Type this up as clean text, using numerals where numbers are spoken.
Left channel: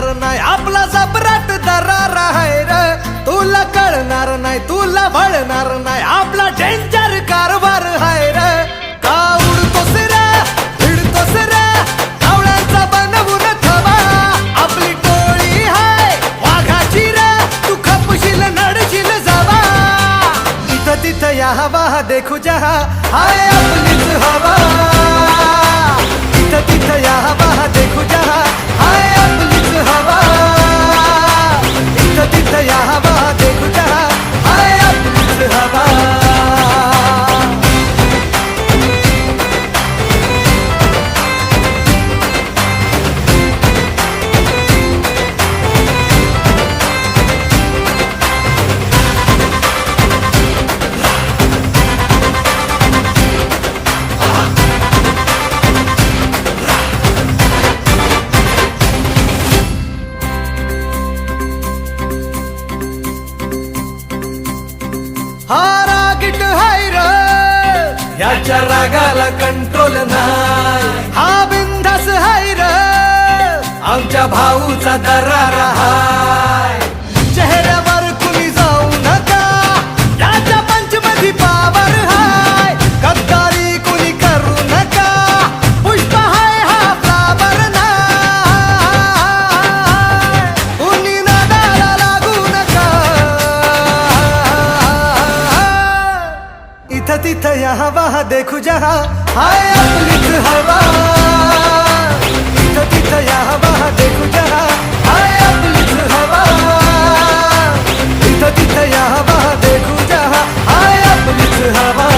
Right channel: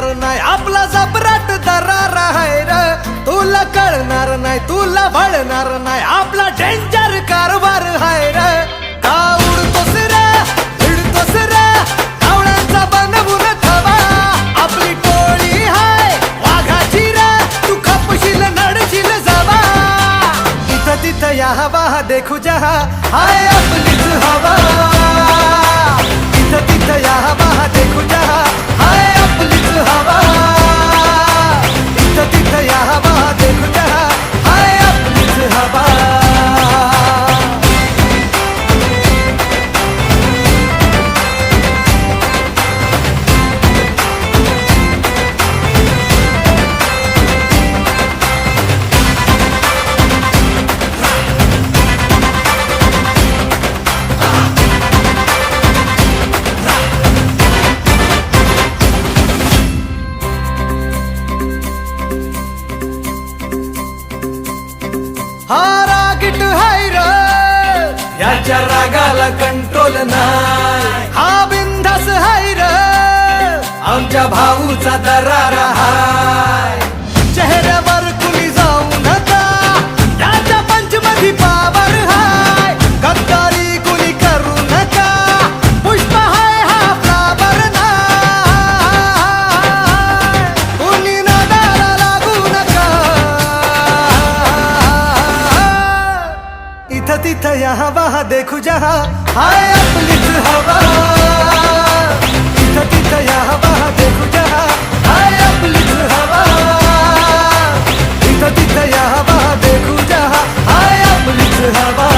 कळणार नाही आपला जबराट दरार आहे र तुला कळणार नाही तुला वळणार नाही आपला डेंजर कारभार आहे र का उडतोस रे भिडतोस रे कावळ्यांचा बनवून थवा आपली टोळी हाय वाघाची रे तू खपशील नडशील जावा इथं तिथं या हवा देखू जहा हाय आपलीच हवा इथं तिथं या हवा देखू जहा हाय आपलीच हवा इथं तिथं या हवा देखू जहा हाय आपलीच हवा हा रागीट हाय र याच्या रागाला कंट्रोल नाही हा बिंदास हाय र आमच्या भाऊचा दरार हाय चेहऱ्यावर कुणी जाऊ नका याच्या पंचमधी पावर हाय गद्दारी कुणी करू नका पुष्प हाय हा फ्लावर नाही कुणी नादाला लागू नका इथं तिथं या हवा देखू जहा हाय आपलीच हवा इथं तिथं या हवा देखू जहा हाय आपलीच हवा इथं तिथं या हवा देखू जहा हाय आपलीच हवा